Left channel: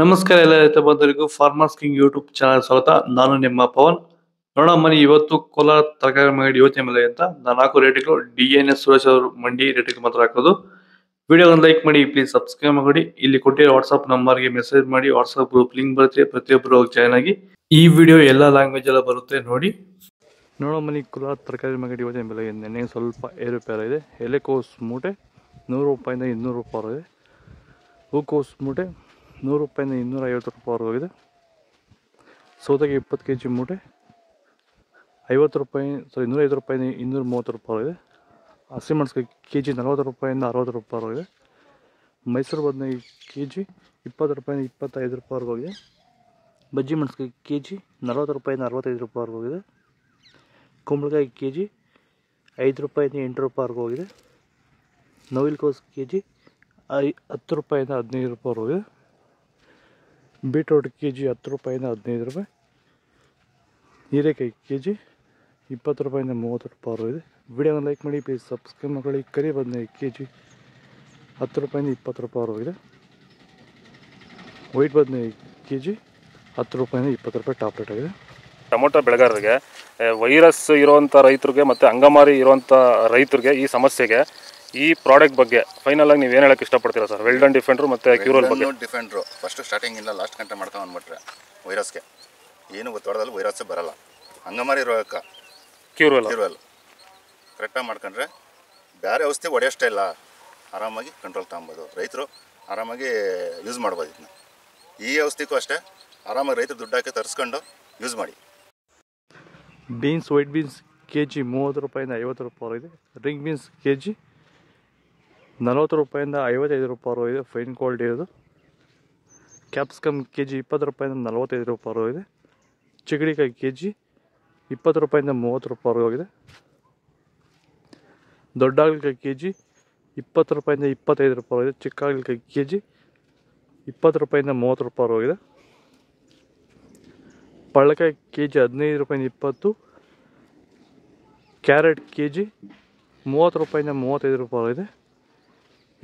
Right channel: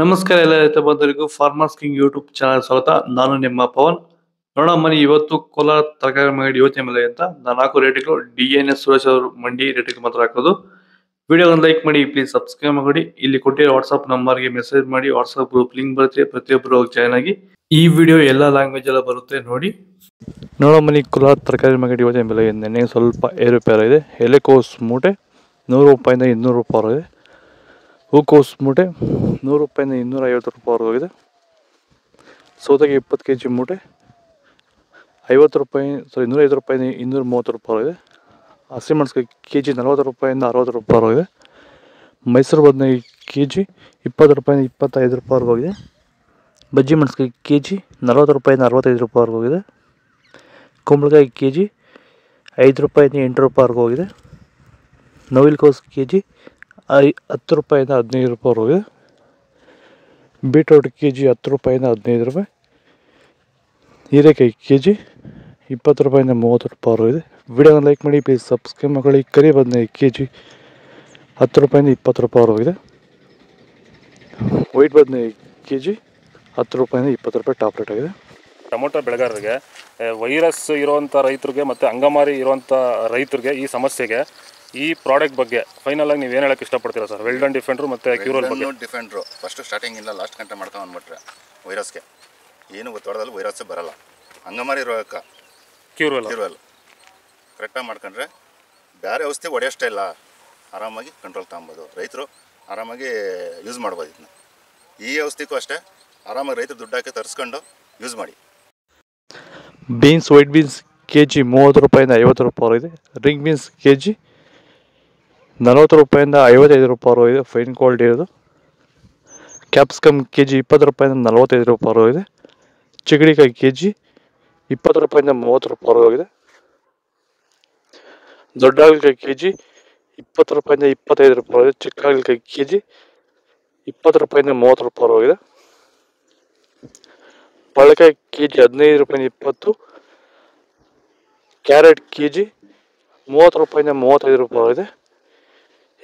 ನಮಸ್ಕಾರ ಎಲ್ಲ ರೈತ ಬಂಧುಗಳಿಗೂ ಫಾರ್ಮರ್ಸ್ ಕಿಂಗ್ ಯೂಟ್ಯೂಬ್ ಚಾನಲ್ ಸ್ವಾಗತ. ನಾನು ನಿಮ್ಮ ಪವನ್. ನೋಡೋಣ ಮನಿ ಇವತ್ತು ಕೋಲಾರ ತರಕಾರಿ ಮಂಡಿ ಯೋಚನೆ ಮೇಲೆ ಅಂತ ನಾನು ಹಾಕೋ ರೇಟ್ಗಳು DNS ಸುರೇಶ್ ಅವರು ಮಂಡಿ ರೇಟ್ಗೆ ಮಾತ್ರ ಹಾಕೋದು. ವಿಡಿಯೋವನ್ನು ಲೈಕ್ ಮಾಡಿ, ಪ್ಲೀಸ್ ಸಬ್ಸ್ಕ್ರೈಬ್ ಮಾಡಿ. ಇಲ್ಲಿ ಕೊಟ್ಟಿರೋ ವಾಟ್ಸ್ಆಪ್ ನಂಬರ್ಗೆ ಮೆಸೇಜ್ ಮಾಡಿ, ವಾಟ್ಸ್ಆಪ್ ಗ್ರೂಪ್ ಲಿಂಕ್ ಬರುತ್ತೆ, ಪ್ರತಿಯೊಬ್ಬರು ಜಾಯ್ನ್ ಆಗಿ. ಈ ವಿಡಿಯೋ ಎಲ್ಲ ಲ್ಯಾಂಗ್ವೇಜ್ ಎಲ್ಲ ಬರುತ್ತೆ ನೋಡಿ. ನೋಡೋ ಮನಿ ಕೋಲಾರ ತರಕಾರಿ ಮಂಡಿ ಯೋಚನೆ ಬೆಲೆ ನೆನ್ನೆ ಸ್ವಲ್ಪ ಏರುಪೇರಾಗಿದೆ. ಎಲೆಕೋಸ್ ಮೂಟೆ 100 ರೂಪಾಯಿಂದ 200 ರೂಪಾಯಿ ಇದೆ. ಹೂಕೋಸು ಮೂಟೆ 100 ರೂಪಾಯಿಂದ 250 ರೂಪಾಯಿ ಹೋಗಿದೆ. ಸೌತೆಗೆ 20 kg ಮೂಟೆ 50 ರೂಪಾಯಿ 105 ರೂಪಾಯಿಂದ 230 ರೂಪಾಯಿ ಇದೆ. ಹಸಿಮೆಣಸಿನಕಾಯಿ kg 40 ರೂಪಾಯಿಂದ 60 ರೂಪಾಯಿ ಹೋಗಿದೆ. ಮೈಸೂರು ಬದನೆಕಾಯಿ kg 20 ರೂಪಾಯಿಂದ 25 ರೂಪಾಯಿ ಹೋಗಿದೆ. ಬಜ್ಜಿ ಮೆಣಸಿನಕಾಯಿ kg 40 ರೂಪಾಯಿಂದ 65 ರೂಪಾಯಿ ಹೋಗಿದೆ. ಕುಂಬಳಕಾಯಿ kg 5 ರೂಪಾಯಿಂದ 8 ರೂಪಾಯಿ ಹೋಗಿದೆ. ನವಿಲುಕೋಸು kg 10 ರೂಪಾಯಿಂದ 15 ರೂಪಾಯಿ ಹೋಗಿದೆ. ಬೀಟ್ರೋಟ್ kg 10 ರೂಪಾಯಿಂದ 15 ರೂಪಾಯಿ. ಹೀರೆಕಾಯಿ kg 20 ರೂಪಾಯಿಂದ 30 ರೂಪಾಯಿ ಹೋಗಿದೆ. ವಿಡಿಯೋನ ಲೈಕ್ ಮಾಡಿ, ಪ್ಲೀಸ್ ಸಬ್ಸ್ಕ್ರೈಬ್ ಮಾಡಿ. ಕರಿ ಬದನೆಕಾಯಿ kg 10 ರೂಪಾಯಿಂದ 20 ರೂಪಾಯಿ ಹೋಗಿದೆ. ವೈಟ್ ಬದನೆಕಾಯಿ kg 10 ರೂಪಾಯಿಂದ 20 ರೂಪಾಯಿ ಟಾಪ್ ರೇಟ್ ಆಗಿದೆ. ಟೊಮೊಟೊ ಬೆಳೆಗಾರರಿಗೆ, ವೈರಸ್ ಇರುವಂಥ ರೈತರಿಗೆ ಮತ್ತು ಅಂಗಮಾರಿ ಇರುವಂಥ ರೈತರಿಗೆ ಈ ಸಮಸ್ಯೆಗೆ ಈ ಪ್ರಾಡಕ್ಟ್ ಬಗ್ಗೆ ಫೈನಲ್ ಆಗಿ ನೀವು ಏನು ಹೇಳಕ್ಕೆ ಇಷ್ಟಪಡ್ತೀರಾ ಸರ್? ವೆಲ್ಡನ್ ಡಿಫೆಂಡ್ರು ಮತ್ತು ಕ್ಯೂರಲ್ ಬಗ್ಗೆ. ಡಿಫೆಂಡ್ರು ಫಸ್ಟ್ ಸ್ಟಾರ್ಟಿಂಗಿಂದ ಲಾಸ್ಟ್ ಗಂಟೆ ಮಾಡ್ಕೊಂಡು ಬಂದ್ಬಿಟ್ರೆ ವೈರಸ್ಗೆ ಏನು ಗೊತ್ತಾಡೋದಲ್ಲಿ ವೈರಸ್ಸೇ ಬರಲ್ಲ. ಅಂಗಮಾರಿ ರೋಗಕ್ಕೆ ಕ್ಯೂರಲ್ ಕರೆಕ್ಟಾಗಿ ಮಾಡ್ಕೊಂಡ್ರೆ ಬೇರೆ ಔಷಧಿ ಹೊಡೆಯೋಷ್ಟೇ ಇಲ್ಲ, ಆರಾಮಾಗಿ ಕಂಟ್ರೋಲ್ ತಗೊಬೋದು. ರೈತರು ಆರಾಮಾಗಿ ಯೂಸ್ ಮಾಡ್ಬೋದು. ಇದನ್ನ ಈ ಔಷಧಿಗೂ ಅಷ್ಟೇ ಆರಾಮಾಗಿ ರೈತರು ದುಡ್ಡು ಹಾಕಿ ತರಿಸ್ಕೊಂಡು ಯೂಸ್ ಮಾಡಿ. ಬೀನ್ಸ್ ವೈಟ್ ಬೀನ್ಸ್ kg 30 ರೂಪಾಯಿಂದ 50 ರೂಪಾಯಿ ಇದೆ. ರಿಂಗ್ ಬೀನ್ಸ್ kg 40 ರೂಪಾಯಿಂದ 55 ರೂಪಾಯಿ ಇದೆ, ಫೈನ್ ಕ್ವಾಲಿಟಿ ಇರೋದು. ಕ್ಯಾಪ್ಸಿಕಮ್ kg 20 ರೂಪಾಯಿಂದ 45 ರೂಪಾಯಿ ಇದೆ. ಚಿಗಡಿಕಾಯಿ kg 20 ರೂಪಾಯಿಂದ 30 ರೂಪಾಯಿ ಹೋಗಿದೆ. ದೊಡ್ಡ ಹಾಗಲಕಾಯಿ kg 20 ರೂಪಾಯಿಂದ 25 ರೂಪಾಯಿ ಇದೆ. ಚಿಕ್ಕ ಹಾಗಲಕಾಯಿ kg 20 ರೂಪಾಯಿಂದ 30 ರೂಪಾಯಿ ಹೋಗಿದೆ. ಬಾಳೆಕಾಯಿ kg 15 ರೂಪಾಯಿಂದ 20. ಕ್ಯಾರೆಟ್ kg 30 ರೂಪಾಯಿಂದ 35 ರೂಪಾಯಿ ಇದೆ.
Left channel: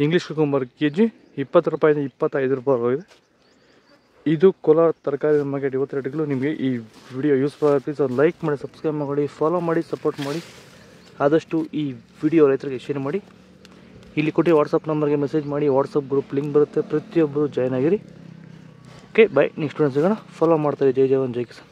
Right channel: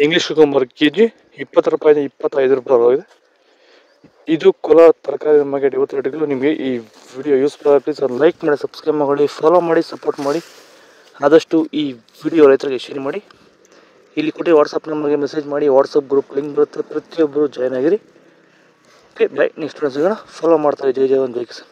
ಇಂಗ್ಲೀಷ್ ಕುಕುಂಬರ್ kg 20 ರೂಪಾಯಿಂದ 25 ರೂಪಾಯಿ ಹೋಗಿದೆ. ಇದು ಕೋಲಾರ ತರಕಾರಿ ಮಾರ್ಕೆಟ್ ಇವತ್ತು ರೇಟ್ಗಳು. ನಿಮಗೆ ಈ ವಿಡಿಯೋ ಯೂಸ್ಫುಲ್ ಆಗಿ ಪ್ಲೀಸ್ ಒಂದು ಲೈಕ್ ಮಾಡಿ, ಸಬ್ಸ್ಕ್ರೈಬ್ ಮಾಡಿ, ಫಾಲೋ ಮಾಡಿ, ಸಪೋರ್ಟ್ ಮಾಡಿ. ಆದಷ್ಟು ಈ ವಿಡಿಯೋ ರೈತರಿಗೆ ಶೇರ್ ಮಾಡಿ. ಇಲ್ಲಿ ಕೊಟ್ಟು ವಾಟ್ಸಪ್ ನಂಬರ್ಗೆ ಮೆಸೇಜ್ ಮಾಡಿ, ವಾಟ್ಸಪ್ ಗ್ರೂಪ್ ಲಿಂಕ್ ಬರುತ್ತೆ, ಪ್ರತಿಯೊಬ್ಬರು ಜಾಯ್ನ್ ಆಗಿರಿ. Okay bye. ನೆಕ್ಸ್ಟ್ ಸಿಗೋಣ. ಫಾಲೋ ಮಾಡ್ತಾರೆ. ಜೈ ಜವಾನ್ ಜೈ ಕಿಸಾನ್.